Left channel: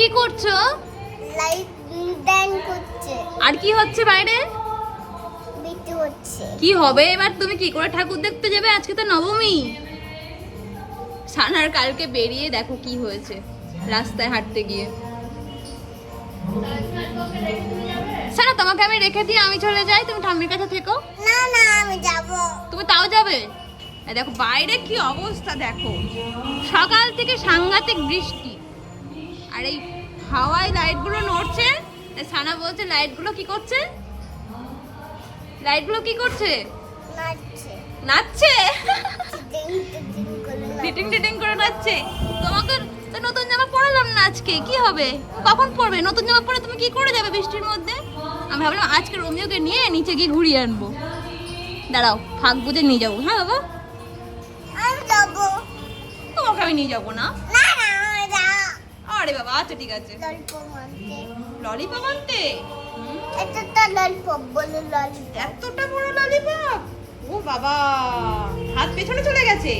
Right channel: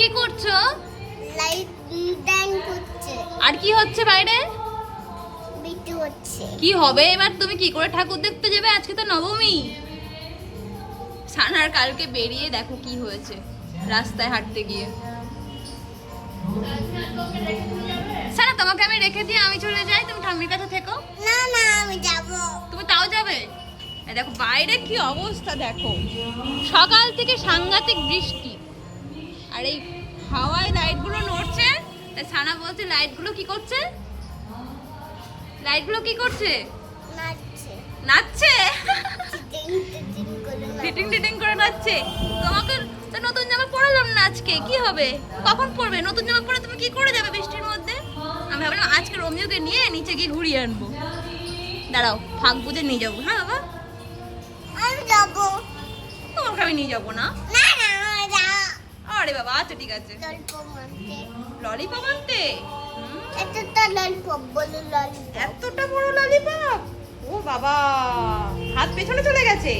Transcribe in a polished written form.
কি করছো? লাইট ডান করছে। আর কি হচ্ছে বাইরে? বিটু হচ্ছে। কি হবে এবার? তুমি কি করে ঠাকুর দেখতে যাবে? আজকে তো নবমী। সানার কালকে বেরিয়ে দেখো কি হয়েছে রাস্তায় হাঁটতে গিয়ে। সানা তোমাকে আমি রেখে দিয়ে আমি চলে যাই, তুমি ঠাম্মির কাছে থেকো। না না আমি যাব। তুমি তাও যাবে? এই দেখো বাইরে কি অবস্থা দেখো, সকাল থেকে সাংঘাতিক বৃষ্টি আর এই হাওয়ায় লাইটগুলো নড়ছে। তাই সানা বলছে লাইটগুলো কি করছে, লাইটগুলো কি করছে? নাচছে। নাচছে। টিটিং টিটিং করে টিটিং টিটিং করে নাচছে। তোমাকে তো নতুন জামা পরালাম না আজকে, কি হবে? কখন পরবে? নতুন জামা পরে তুমি কি করে যাবে বৃষ্টির মধ্যে? আমি ভাবলাম আজকে রোমিওকে নিয়ে নিচে গিয়ে ঘুরিয়ে আনবো। দাঁড়াও ফাঁক বুঝে নিয়ে যাবো। হ্যাঁ বাবা, আমি যাব। তোমাকে আমি নিয়ে যাবো না। না না আমি যাব। আরে বাবা আচ্ছা ঠিক আছে। ললিপপ আনতে। ললিপপ আনতে? এতটা ললিপপ বলে ললিপপ। এতটা বড় ললিপপ? ও বাবা, হাত পেছনে চলে গেছে।